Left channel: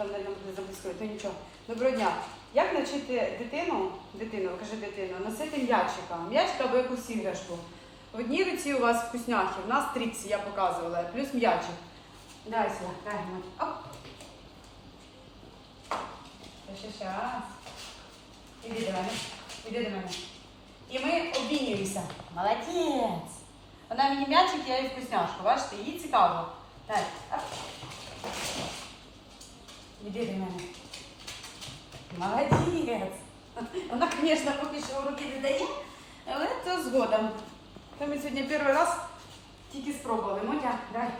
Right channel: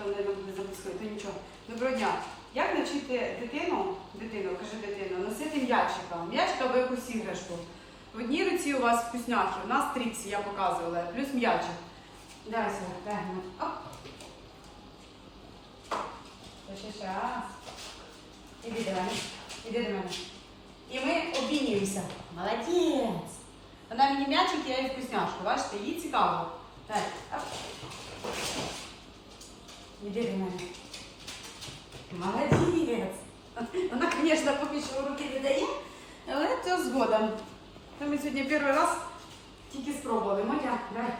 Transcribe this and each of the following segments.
там не буде записувати, то нічого. Доброго дня. Як навчити дитину, дитину, каже дитину, носити м'ячика? М'ячика або якусь іграшку. В одній руці у вас вкусняхи, в нас тріксі, я показувала, плюс м'ячик. Дай сюди, дай мені. Ще, ще раз. Іди до мене. Іди до мене. І ми обмінюємося. Молодець. Вона мені м'ячик, я їй вкусняшку. Бачите, їй цікаво. Так. Оп. Иди Молодец. Она, конечно, попищила руки не дає, это с згодом. Та ми сегодня первый раз тільки спробували. Мотя, давай.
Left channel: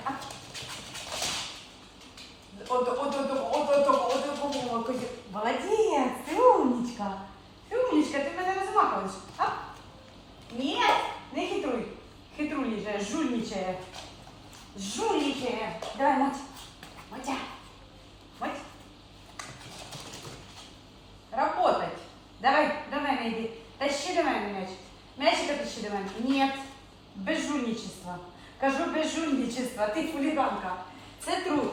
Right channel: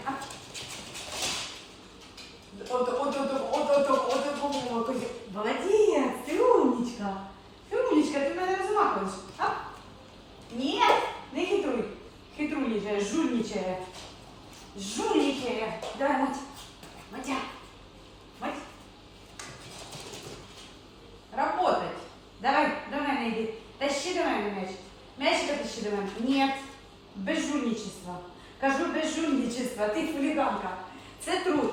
Вот, вот, вот, вот, вот, вот, вот, вот. Молодец, ты умничка. Ты умничка, ты меня розмахуєш. А? Ні, не хитруй. Хитруничає, жульничая. Жульничає. Давай, Мотя. Мотя. До мене. Ні. Безжульничество. Кажу безжульничество. Ти хуліганка. Це труд.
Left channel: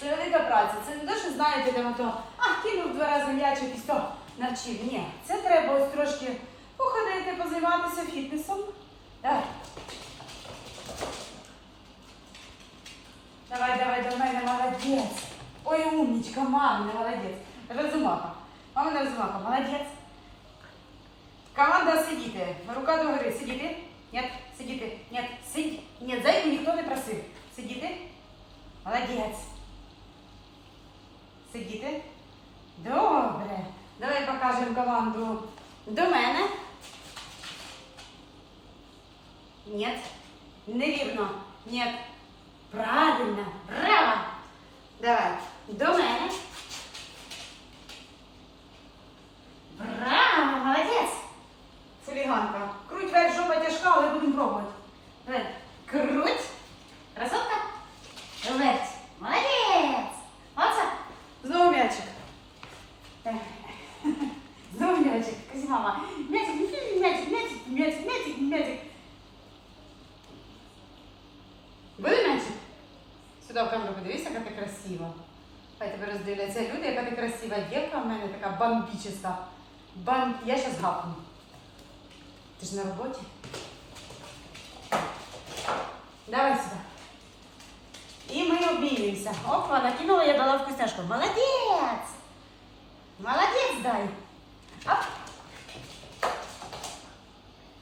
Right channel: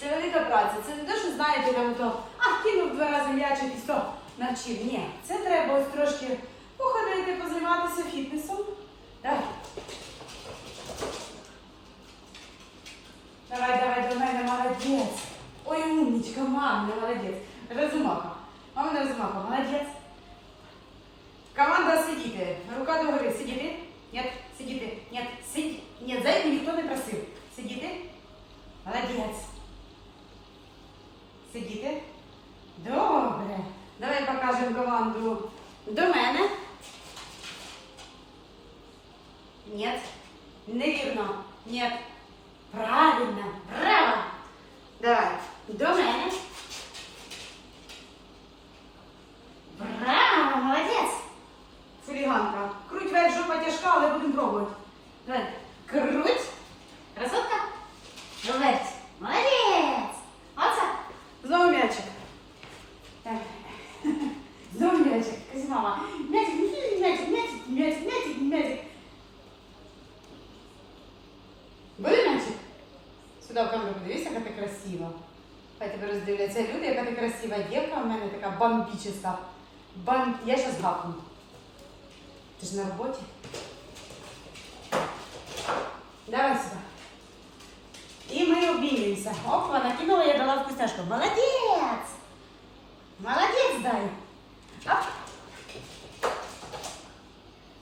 Це велика праця. Це не те, що знаєте, там то, а кинув два рази м'ячик і все, навчив. Ні. Це треба ось трошки походити, позайматися фітнесом. Давай. Давай, давай, до мене, молодець. Ой, умничка, мама, молодець. Розумаха. Мама не розумаха, молодець. Команда сидіти. Рука до гори. Сидіти? Нет, сидіти. Нет, сидь. Нет, зайти ніхто не просив. Сидіти? Молодець. Сидіти? Добре. Давай покажемо команду до мене. Нет. Невірно. Нет. Правильно. Браво. Давай. До мене. Браво, молодець. Фуліганка. Круть вверх, жопа тяжка, але будемо пробувати. Давай. Круть. Красотка. Верть. Молодець. Оце. Знову м'ячик. Е. Знову м'ячик. Кажи, мама. М'ячик, м'ячик, м'ячик, м'ячик, м'ячик, м'ячик, м'ячик. Буде м'ячик? Сюди в камеру подивися, яка ти красива. Хай тебе роздивляться люди, яка ти красива дівка в мене така бомбічиста. Бам... Я ще згапну. Ти ж на роботі. Давай сюди. І ми обмінюємося. Опа, накинула, я дала вкусняшку. Молодець, дай. Оп.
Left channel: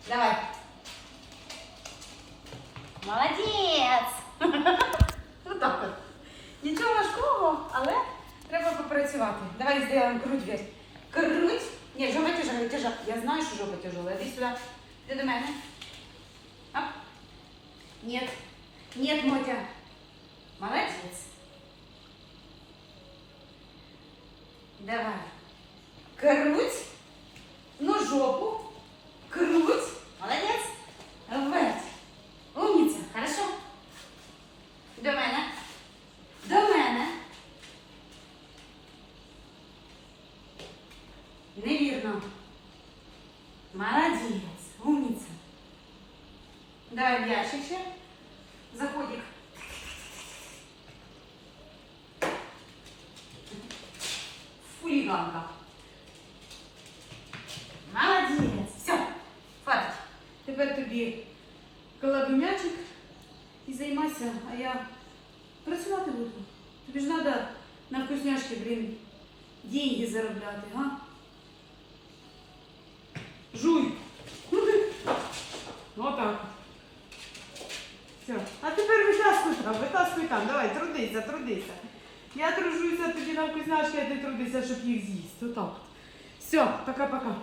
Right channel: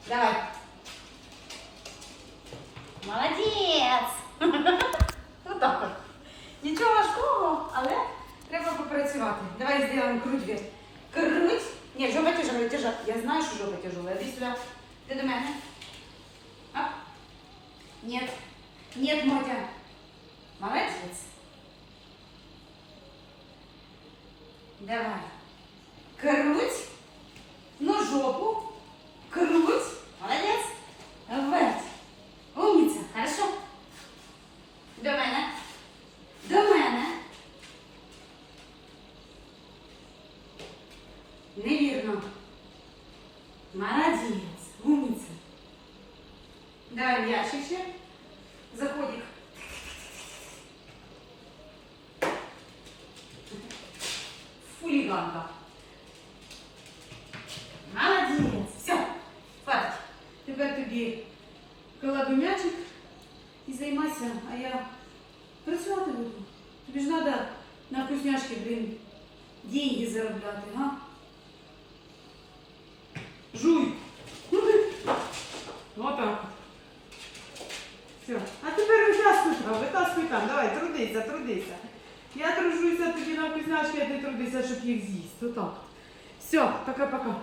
Давай. Молодець! Отак от. Нічого важкого, але треба попрацювати. Давай зробимо круть вверх. Круть. Ні, жопа тяжела, тяжела. Я знаю, що жопа тяжела. Іди сюди. Ти до мене. Оп. Нет. Нет, Мотя. Молодец. Давай. Круть. Ну, жопу. Круть. Молодец. Вверх. Умница. Хорошо. До мене. До мене. Невірно. Молодець. Умниця. Ще. Заходик. Фуліганка. Молодець. Все. Хватить. Тепер тобі кладу м'ячик і займайся, а я працювати буду. Тобі ж треба на вкусняшки, блін, деньги заробляти, га? Жуй. Отак. Все. А тепер витаскуй там, витаскуй там. Давай, трудися, трудися. Я тружуся тоді на вкусняшки, а ти трудися, щоб їх з'їсти. Отак. Все, пока-пока.